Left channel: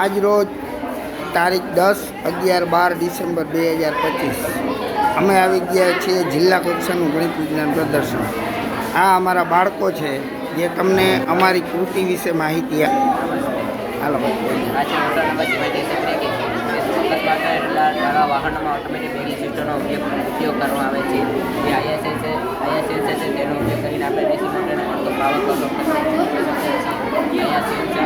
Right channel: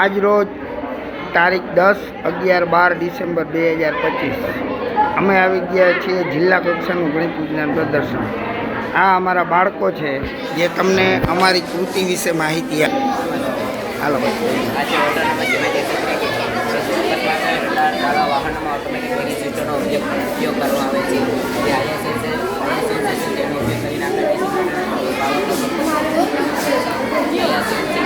આજ રોજ તારીખ 10/11/12 ડિસેમ્બર 2025 અમે આવી ગયા છીએ જિલ્લા કક્ષાનું ગણિત વિજ્ઞાન પ્રદર્શન. આ અમારા બાળકો છે જે તમને અમારી કૃતિ વિશે માહિતી હાલો વાહનોમાં ઓટોમેટિક બ્રેકિંગ સિસ્ટમનો ઉપયોગ કરવામાં આવે છે. જે આઈએસએસ છે તેનો ઉપયોગ કરીને આપણે ડીસી મોટરને પાવર પ્રોડક્ટ અહીંયા